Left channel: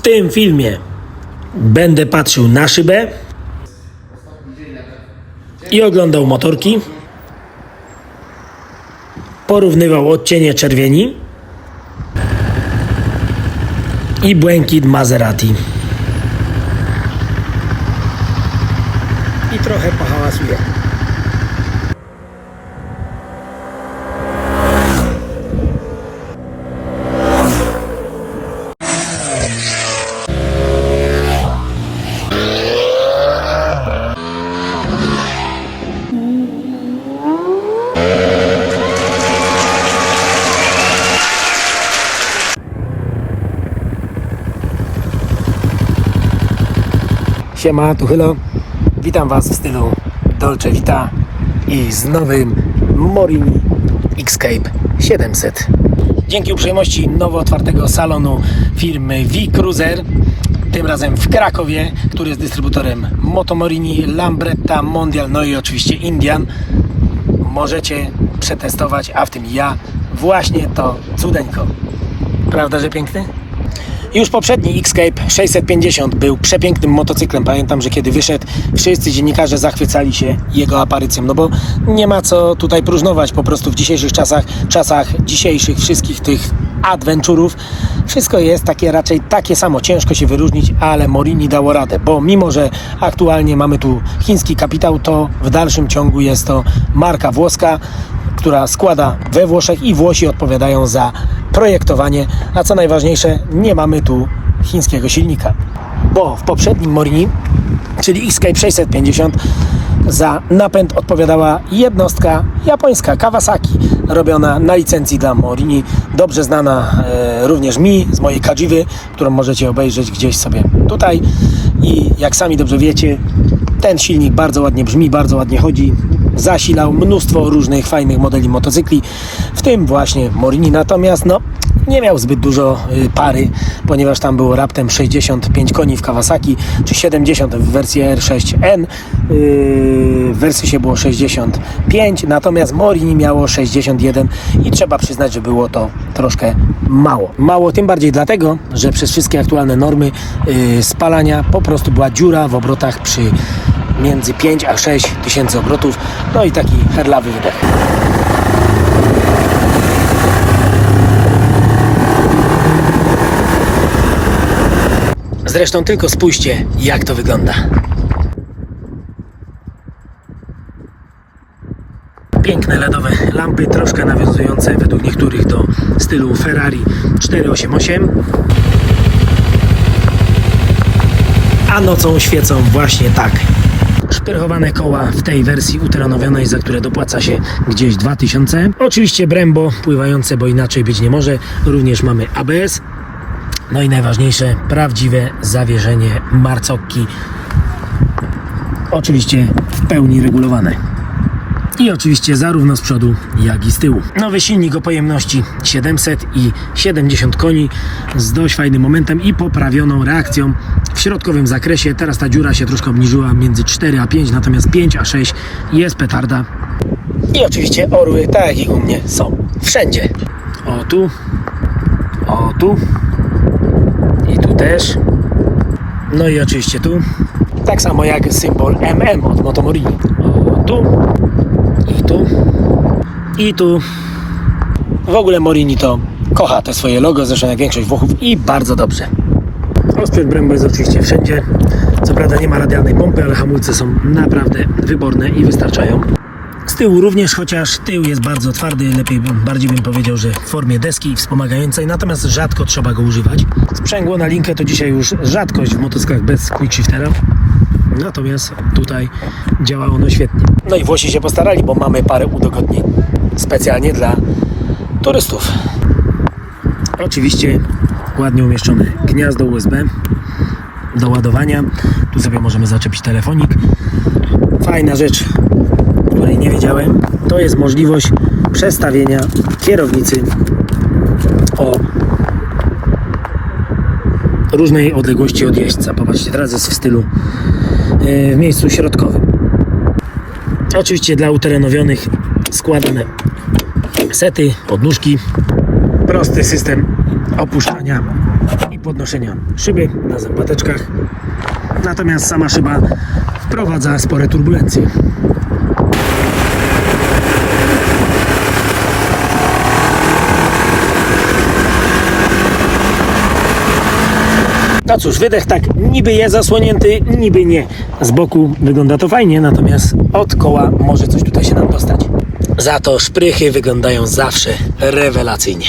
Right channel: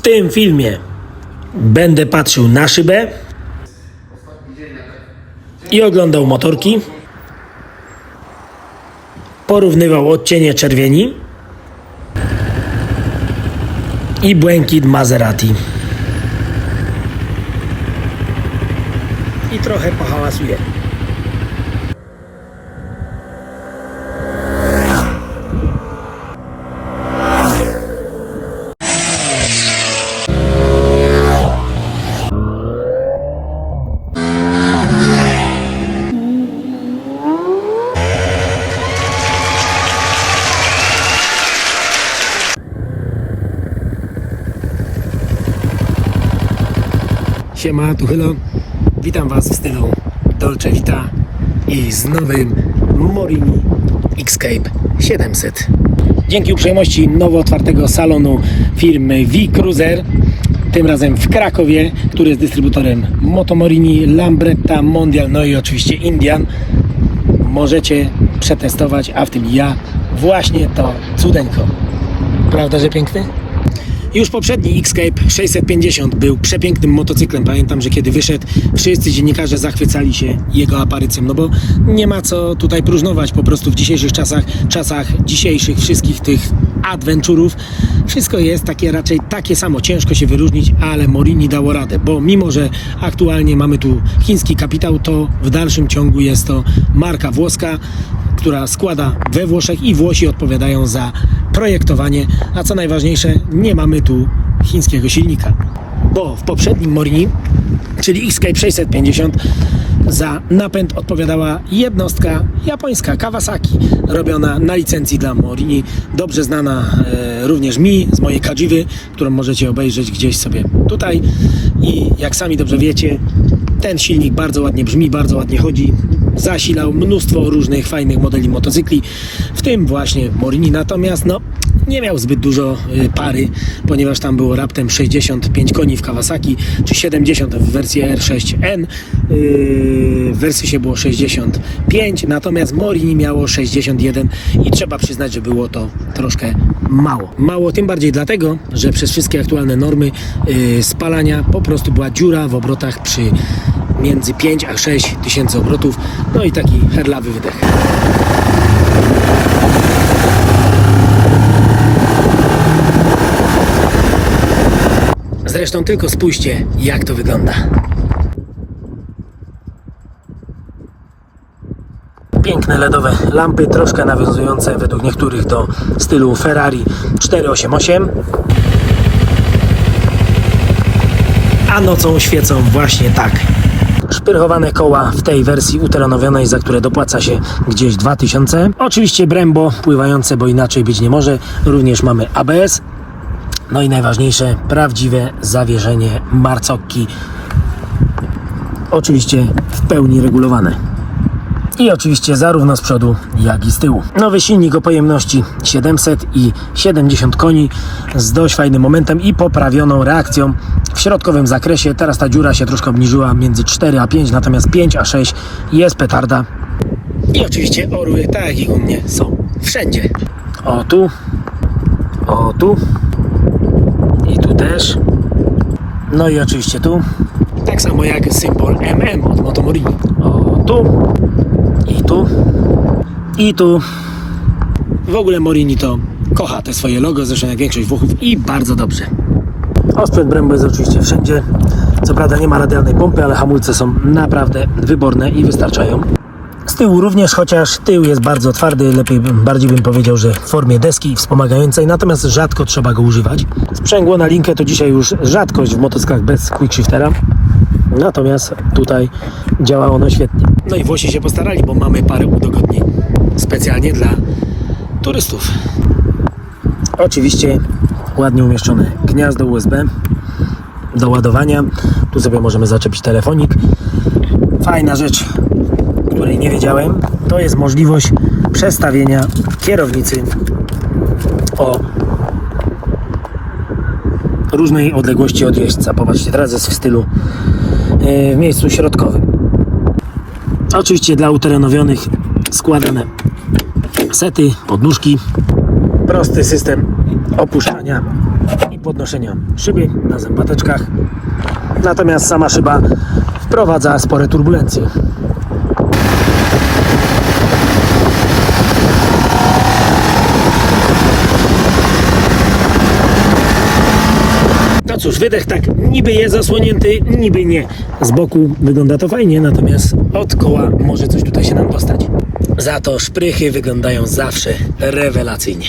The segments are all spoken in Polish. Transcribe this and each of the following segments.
W tym filmie będę patrzył na szybę i oglądał motorki. Porównywał odcienie czerwieni i błękit Maserati. I trochę pohałasuję. Siema, tu Hylo. Witam Was w stylu Dolce Vita i z nowym Morini Xscape 700. Dzięki uprzejmości nowo otwartego salonu firmy V-Cruiser, tym razem w Krakowie, który jest dystrybutorem Motomorini, Lambretta, Mondial, no i oczywiście Indian, możecie przetestować, a w tym ja, właśnie to cudeńko. Prawda, że piękny? Już poprzedni Xscape 650 był przepięknym motocyklem. Pamiętam, że kiedy wyszedł, wszyscy dziennikarze zachwycali się jego aparycją, no bo nie ma co tutaj próżnować. Po prostu w dzisiejszych czasach, czasach dzisiejszych wszystkich tych adventurów, wszystko jest takie raczej takie samo. Ciężko się wyróżnić, ale Morini dało radę, bo mimo, że aktualnie mamy tu chiński kapitał, to w dalszym ciągu jest to marka włoska, która składa we Włoszech i Włosi odpowiadają za projektowanie, a co najważniejsze, nie mamy tu chińskiego silnika. Bo w poprzednim Morini, czyli Xscape 650, za napęd odpowiadała jednostka japońska Kawasaki, robiona na licencji dla Morini, dobrze znana e, również mi z mojej Kajiwy, którą możecie obejrzeć gdzieś sobie tutaj. I jak sami dobrze wiecie, ten silnik bardzo ładnie brzmi, bardzo ładnie chodzi. Zasilał mnóstwo różnych fajnych modeli motocykli, w tym właśnie Morini. Natomiast no, nie miał zbyt dużo y, pary, ponieważ tam było raptem 65 koni w Kawasaki, czy 70 w wersji R6N. Yy, w wersji się było 65, natomiast Morini miało 61 i trzeba przyznać, że było to troszkę mało. Mało tym bardziej dlatego, że przez wszystkie aktualne normy yy, spalania po prostu była dziura w obrotach przy między 5 a 6 tysięcy obrotów, no i taki herlawy wydech. Zresztą tylko spójrzcie, jak to wygląda. Piękne LEDowe lampy, troszkę nawiązujące według niektórych do stylu Ferrari 488. A nocą świecą właśnie tak. Szpyrchowane koła w tej wersji uterenowionej, za które dopłaca się gdzieś 2000. Oczywiście Brembo pływające, bo inaczej być nie może. Również mamy ABS, no i najważniejsze, prawdziwe zawieszenie marcokki. Oczywiście w pełni regulowane. I oczywiście zarówno z przodu, jak i z tyłu. Nowy silnik o pojemności 700 i 70 koni z dość fajnym momentem i poprawioną reakcją w środkowym zakresie. Teraz ta dziura się troszkę obniżyła między 4 a 5, natomiast 5 a 6 jest petarda. I oczywiście orły, tak jak i u mnie, są wszędzie. O tu, o tu, i tu też. No i oczywiście tu. Tak samo jak symbol MM od Motomorini. O, tu. I tu. I tu. W ogóle Morini to kocha te swoje logo, zresztą jak większość Włochów i bardzo dobrze. Osprzęt Brembo jest oczywiście wszędzie. Co prawda nie ma radialnej pompy, ale hamulce są naprawdę wyborne i wystarczają. Z tyłu również, chociaż tył jest bardzo twardy, lepiej bardziej bym powiedział, że w formie deski wspomagającej, natomiast rzadko trzeba go używać. Sprzęgło na linkę to dzisiaj już rzadkość w motocyklach bez quick shiftera. Natomiast tutaj działa ono świetnie. No i Włosi się postarali, bo mamy parę udogodnień specjalnie dla turystów. Oczywiście ładnie umieszczone gniazdo USB do ładowania. Tu sobie możemy zaczepić telefonik. Fajna rzecz, której nie wiedziałem, to jest możliwość przestawienia kierownicy o różnej odległości od jeźdźca. Popatrzcie, teraz jest w stylu w miejscu środkowym. Oczywiście dla uterenowionych składane sety, podnóżki, prosty system opuszczania i podnoszenia szyby na zębateczkach. Natomiast sama szyba wprowadza spore turbulencje. No cóż, wydech tak niby jest zasłonięty, niby nie. Z boku wygląda to fajnie, natomiast od koła może coś tutaj się nam dostać. Za to szprychy wyglądają zawsze rewelacyjnie.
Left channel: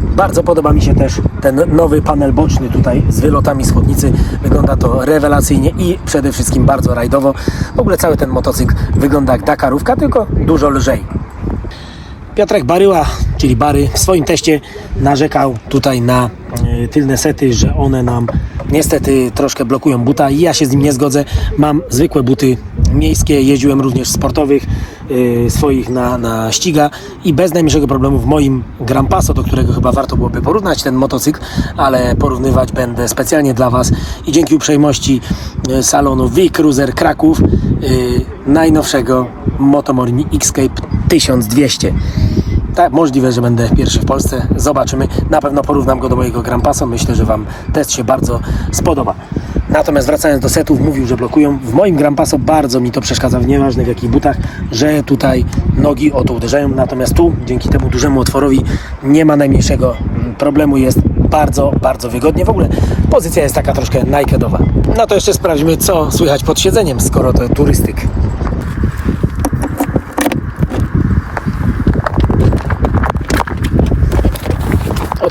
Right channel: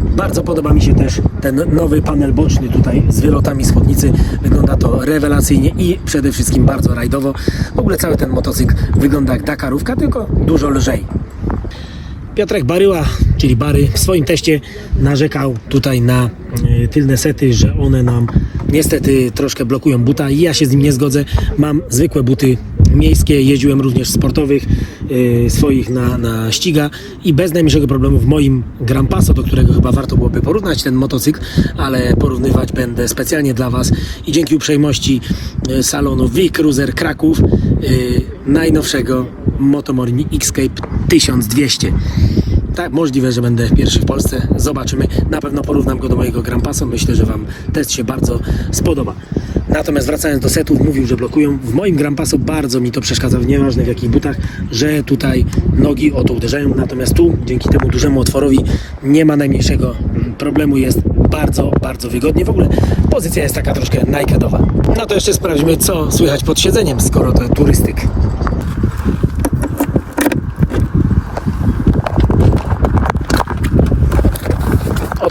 Bardzo podoba mi się też ten nowy panel boczny tutaj z wylotami z chodnicy. Wygląda to rewelacyjnie i przede wszystkim bardzo rajdowo. W ogóle cały ten motocykl wygląda jak Dakarówka, tylko dużo lżej. Piotrek Baryła, czyli Bary, w swoim teście narzekał tutaj na y, tylne sety, że one nam niestety troszkę blokują buta i ja się z nim nie zgodzę. Mam zwykłe buty miejskie, jeździłem również sportowych y, swoich na, na ściga i bez najmniejszego problemu w moim Gran Passo, do którego chyba warto byłoby porównać ten motocykl, ale porównywać będę specjalnie dla Was i dzięki uprzejmości y, salonu V-Cruiser Kraków y, najnowszego Motomorini Xscape 1200. Tak, możliwe, że będę pierwszy w Polsce. Zobaczymy. Na pewno porównam go do mojego Gran Passa. Myślę, że Wam test się bardzo spodoba. Natomiast wracając do setów, mówił, że blokują. W moim Gran Passo bardzo mi to przeszkadza, nieważne w jakich butach, że tutaj nogi o to uderzają. Natomiast tu, dzięki temu dużemu otworowi, nie ma najmniejszego mm, problemu. Jest bardzo, bardzo wygodnie. W ogóle pozycja jest taka troszkę nikedowa. No to jeszcze sprawdźmy, co słychać pod siedzeniem, skoro to turystyk.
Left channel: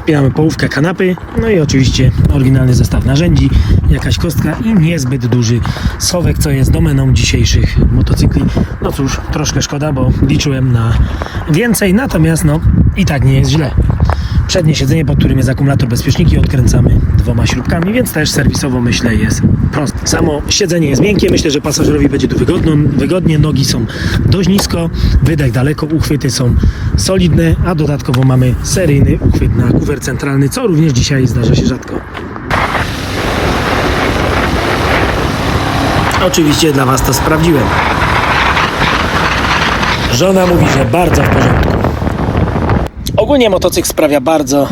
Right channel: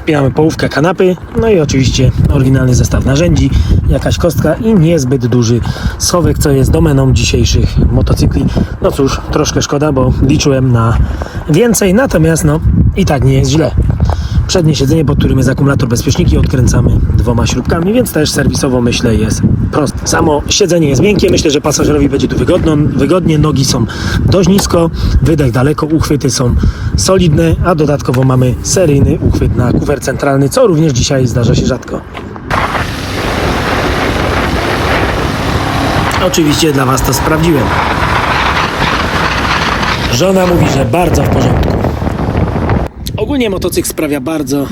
Odpinamy połówkę kanapy, no i oczywiście oryginalny zestaw narzędzi, jakaś kostka i niezbyt duży schowek, co jest domeną dzisiejszych motocykli. No cóż, troszkę szkoda, bo liczyłem na więcej, natomiast no i tak nie jest źle. Przednie siedzenie, pod którym jest akumulator bezpieczniki, odkręcamy dwoma śrubkami, więc też serwisowo myślę jest proste. Samo siedzenie jest miękkie, myślę, że pasażerowi będzie tu wygodno, wygodnie, nogi są dość nisko, wydech daleko, uchwyty są solidne, a dodatkowo mamy seryjny uchwyt na kufer centralny, co również dzisiaj zdarza się rzadko. Oczywiście dla Was to sprawdziłem. Żona mówi, że bardzo w porządku. Ogólnie motocykl sprawia bardzo,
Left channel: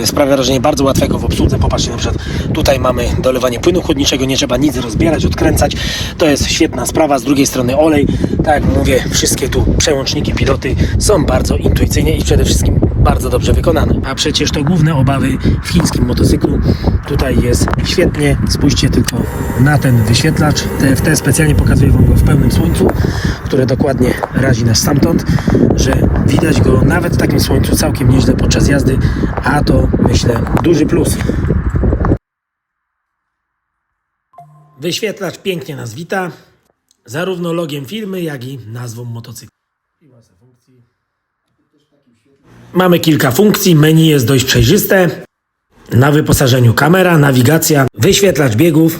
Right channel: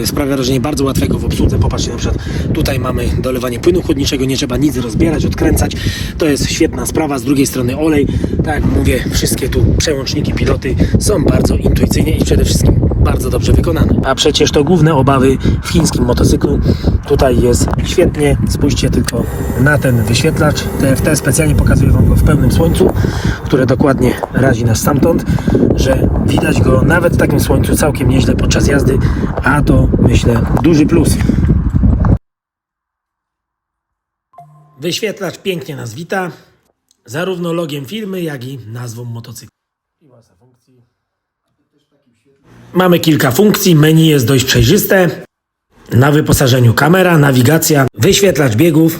yy, sprawia wrażenie bardzo łatwego w obsłudze. Popatrzcie, na przykład tutaj mamy dolewanie płynu chłodniczego, nie trzeba nic rozbierać, odkręcać. To jest świetna sprawa. Z drugiej strony olej, tak jak mówię, wszystkie tu przełączniki, piloty są bardzo intuicyjnie i przede wszystkim bardzo dobrze wykonane. A przecież to główne obawy w chińskim motocyklu. Tutaj jest świetnie. Spójrzcie tylko na ten wyświetlacz. TFT specjalnie pokazuję Wam go w pełnym słońcu, które dokładnie razi nas stamtąd, że widać go nawet w takim słońcu całkiem nieźle podczas jazdy, a to myślę duży plus. Wyświetlacz pięknie nas wita, zarówno logiem firmy, jak i nazwą motocykla. Mamy kilka funkcji, menu jest dość przejrzyste. Na wyposażeniu kamera, nawigacja, wyświetlacz biegów,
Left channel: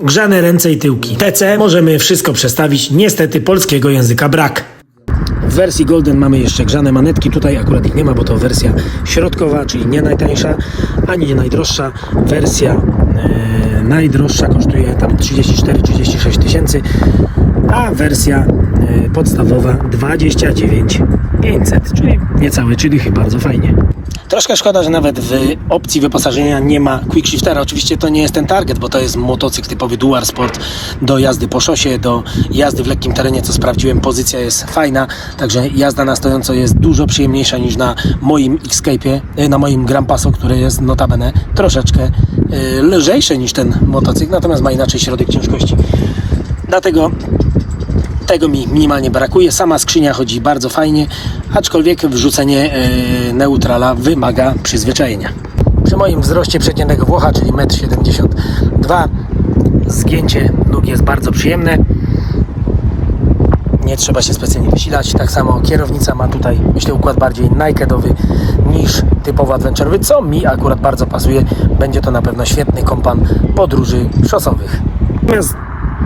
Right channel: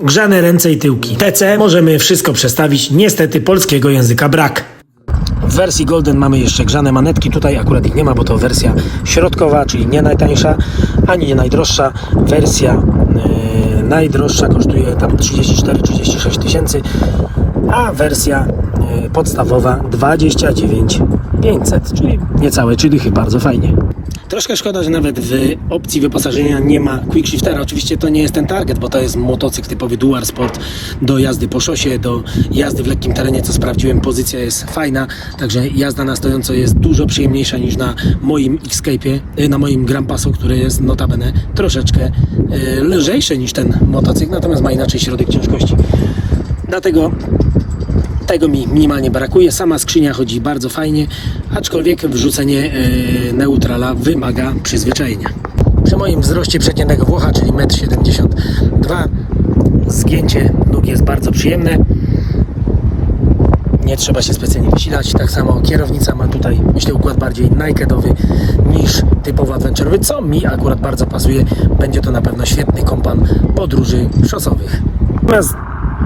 grzane ręce i tyłki. TC możemy wszystko przestawić, niestety polskiego języka brak. W wersji Golden mamy jeszcze grzane manetki, tutaj akurat ich nie ma, bo to wersja środkowa, czyli nie najtańsza, ani nie najdroższa. Wersja e, najdroższa kosztuje tam 34-36 tysięcy, a wersja e, podstawowa 29 500, czyli niecałe 3 dychy, bardzo fajnie. Troszkę szkoda, że nawet w opcji wyposażenia nie ma quick shiftera. Oczywiście to nie jest ten target, bo to jest motocykl typowy Dual Sport do jazdy po szosie, do jazdy w lekkim terenie, co sprawdziłem. Pozycja jest fajna, także jazda na stojąco jest dużo przyjemniejsza niż na moim Xscape'ie, e, na moim Gran Passo, który jest notabene troszeczkę e, lżejszy niż ten motocykl, natomiast ma inaczej środek ciężkości. Dlatego tego mi minimalnie brakuje. Sama skrzynia chodzi bardzo fajnie, aczkolwiek wrzucenie e, neutrala wymaga przyzwyczajenia. Przy moim wzroście przeciętnego Włocha, czyli 1,72 m, zgięcie nóg jest bardzo przyjemne. Nie trzeba się specjalnie wysilać. Tak samo kierownica ma tutaj, myślę, układ bardziej nikedowy niż typowo adventurowy, co mi akurat bardzo pasuje. Będzie to na pewno świetny kompan podróży szosowych. Natomiast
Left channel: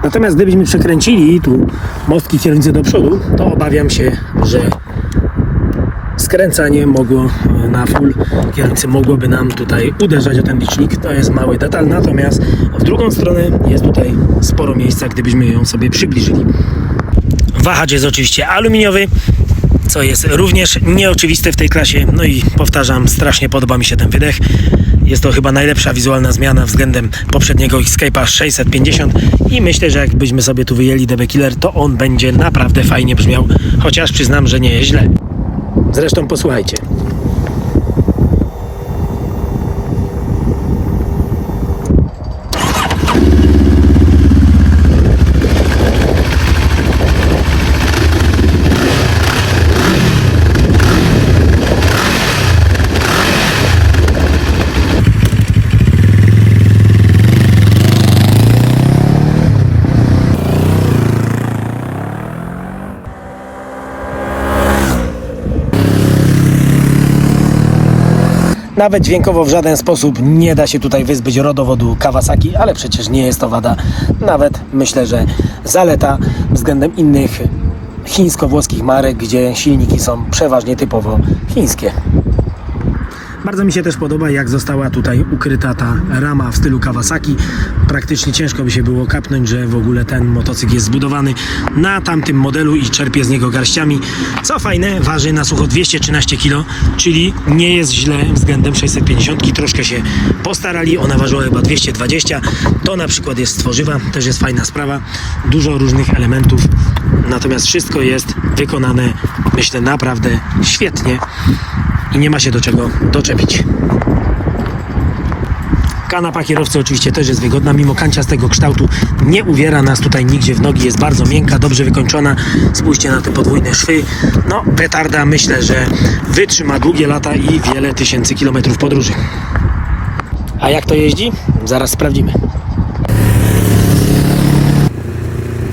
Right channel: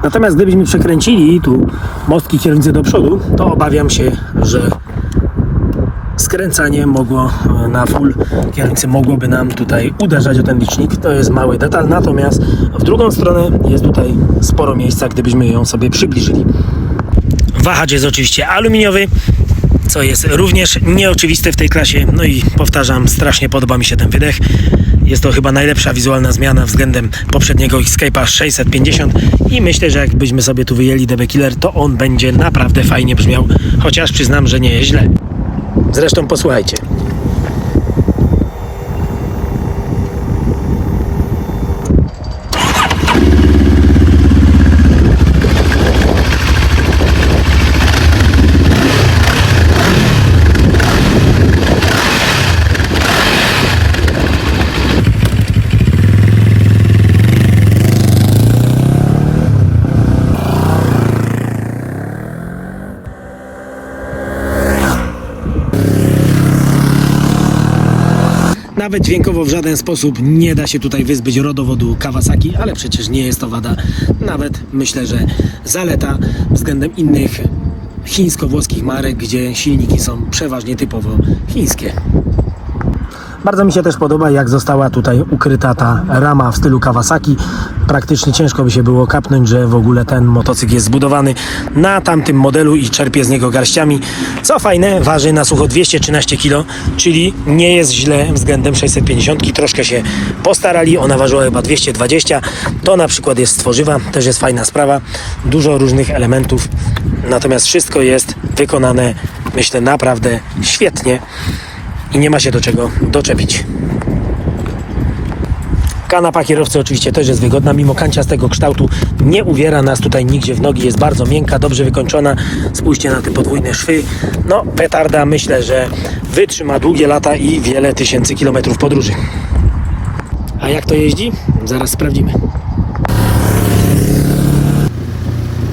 Natomiast gdybyśmy przekręcili tu mostki kierownicy do przodu, to obawiam się, że skręcanie mogło e, na full kierownicy mogłoby nam tutaj uderzać o ten licznik. To jest mały detal, natomiast w drugą stronę jest tutaj sporo miejsca, gdybyśmy ją sobie przybliżyli. Wahacz jest oczywiście aluminiowy, co jest również nieoczywiste w tej klasie. No i powtarzam, strasznie podoba mi się ten wydech. Jest to chyba najlepsza wizualna zmiana względem poprzedniego Escape'a 650 i myślę, że jakbyśmy sobie tu wyjęli DB Killer, to on będzie naprawdę fajnie brzmiał, chociaż przyznam, że nie jest źle. Zresztą posłuchajcie. Nawet dźwiękowo w żaden sposób nie da się tutaj wyzbyć rodowodu Kawasaki, ale przecież nie jest to wada. Nawet myślę, że zaleta względem innych chińsko-włoskich marek, gdzie silniki są przeważnie typowo chińskie. Bardzo mi się też podoba, jak została tutaj ukryta ta rama w stylu Kawasaki. Praktycznie ciężko by się było kapnąć, że w ogóle ten motocykl jest zbudowany na tamtym modelu i czerpie z niego garściami. Co fajne, waży na sucho 213 kg, czyli nie jest źle względem 650. Troszkę się postarali, ona ważyła chyba 220. To na przykład jest z tworzywa, też jest fajna sprawa. Dużo różnych elementów, natomiast wszystko jest wykonane, myślę, naprawdę świetnie nie ma się do czego doczepić. Kanapa kierowcy oczywiście też jest wygodna, mimo kanciastego kształtu nie uwiera nas tutaj nigdzie w nogi, jest bardzo miękka, dobrze wykończona. Spójrzcie na te podwójne szwy. No, petarda myślę, że wytrzyma długie lata i wiele tysięcy kilometrów podróży. A jak to jeździ? Zaraz sprawdzimy.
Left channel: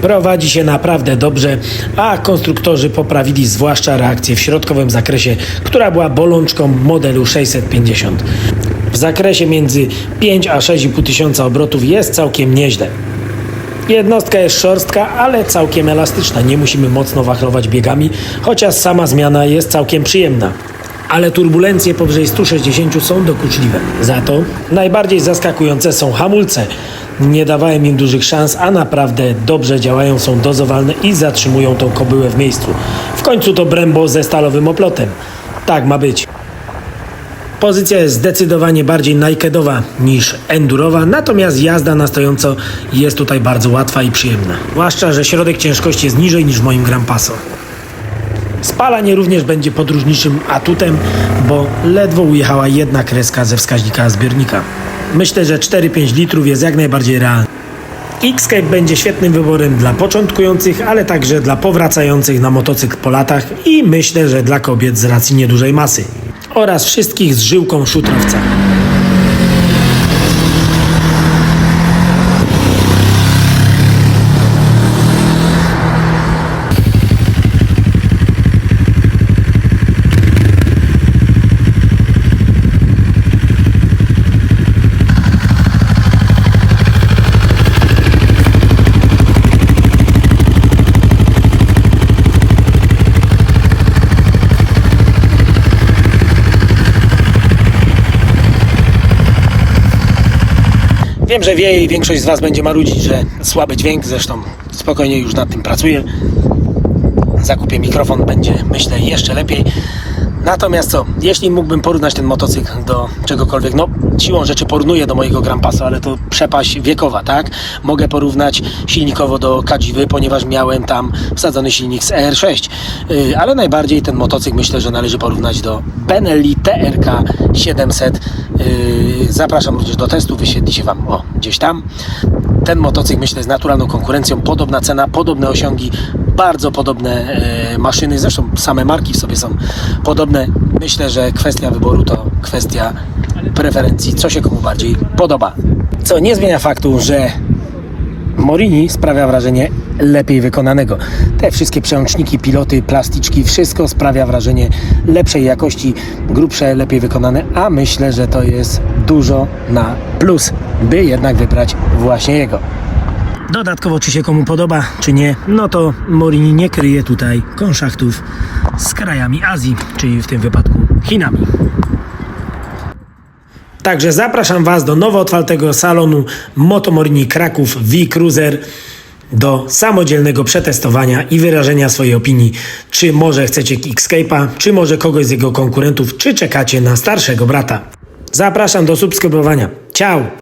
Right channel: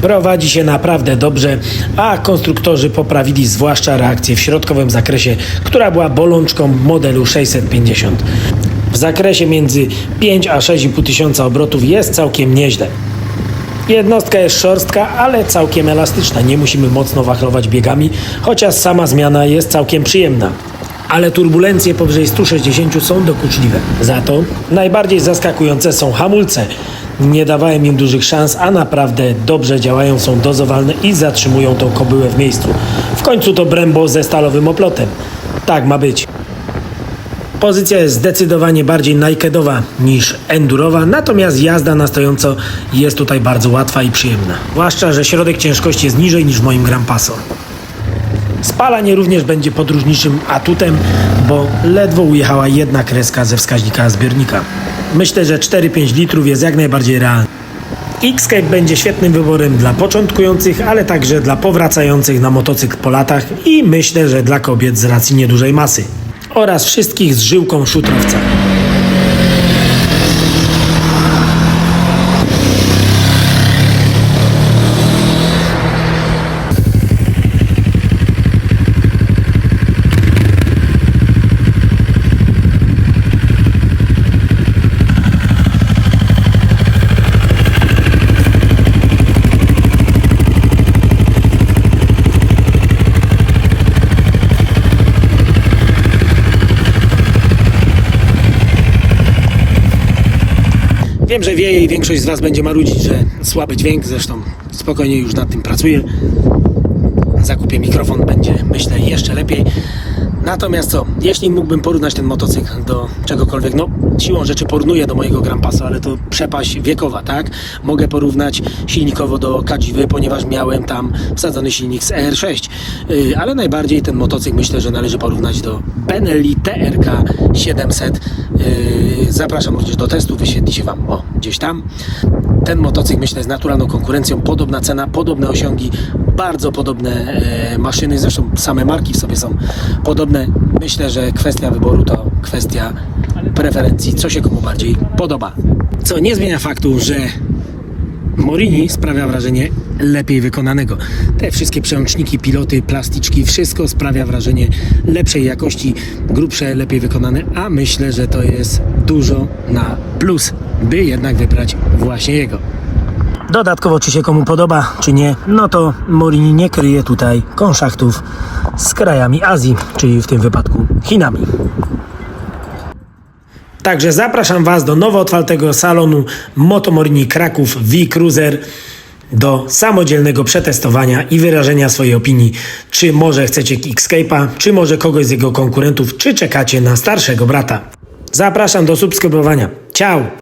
Prowadzi się naprawdę dobrze, a konstruktorzy poprawili zwłaszcza reakcję w środkowym zakresie, która była bolączką modelu 650. W zakresie między 5 a 6,5 tysiąca obrotów jest całkiem nieźle. Jednostka jest szorstka, ale całkiem elastyczna. Nie musimy mocno wachlować biegami, chociaż sama zmiana jest całkiem przyjemna. Ale turbulencje powyżej 160 są dokuczliwe. Za to najbardziej zaskakujące są hamulce. Nie dawałem im dużych szans, a naprawdę dobrze działają, są dozowalne i zatrzymują tą kobyłę w miejscu. W końcu to Brembo ze stalowym oplotem. Tak ma być. Pozycja jest zdecydowanie bardziej nakedowa niż endurowa, natomiast jazda na stojąco jest tutaj bardzo łatwa i przyjemna. Zwłaszcza, że środek ciężkości jest niżej niż w moim Gran Paso. Spalanie również będzie podróżniczym atutem, bo ledwo ujechała jedna kreska ze wskaźnika zbiornika. Myślę, że 4-5 litrów jest jak najbardziej realne. Xcape będzie świetnym wyborem dla początkujących, ale także dla powracających na motocykl po latach i myślę, że dla kobiet z racji niedużej masy oraz wszystkich z żyłką szutrowca. Że wie i większość z Was będzie marudzić, że słaby dźwięk, zresztą spokojnie już nad tym pracuję. Zakupię mikrofon, będzie myślę jeszcze lepiej. Natomiast co, jeśli mógłbym porównać ten motocykl do czegokolwiek, no siłą rzeczy porównuję do mojego Grand Paso, ale to przepaść wiekowa, tak? Mogę porównać silnikowo do Kadziwy, ponieważ miałem tam wsadzony silnik z ER6, yy, ale najbardziej ten motocykl myślę, że należy porównać do Benelli TRK 700. Yy, zapraszam również do testu, wyświetli się Wam o, gdzieś tam. Ten motocykl myślę jest naturalną konkurencją, podobna cena, podobne osiągi, bardzo podobne e, maszyny, zresztą same marki w sobie są podobne. Myślę, że kwestia wyboru to kwestia preferencji, co się komu bardziej podoba. Co nie zmienia faktu, że Morini sprawia wrażenie lepiej wykonanego. Te wszystkie przełączniki, piloty, plasticzki, wszystko sprawia wrażenie lepszej jakości, grubsze, lepiej wykonane, a myślę, że to jest dużo na plus, by jednak wybrać właśnie jego. Dodatkowo, czy się komu podoba, czy nie, no to Morini nie kryje tutaj konszachtów z krajami Azji, czyli w tym wypadku Chinami. Także zapraszam Was do nowo otwartego salonu Motomorini Kraków V-Cruiser do samodzielnego przetestowania i wyrażenia swojej opinii, czy może chcecie Escape'a, czy może kogoś z jego konkurentów, czy czekacie na starszego brata. Zapraszam do subskrybowania. Ciao!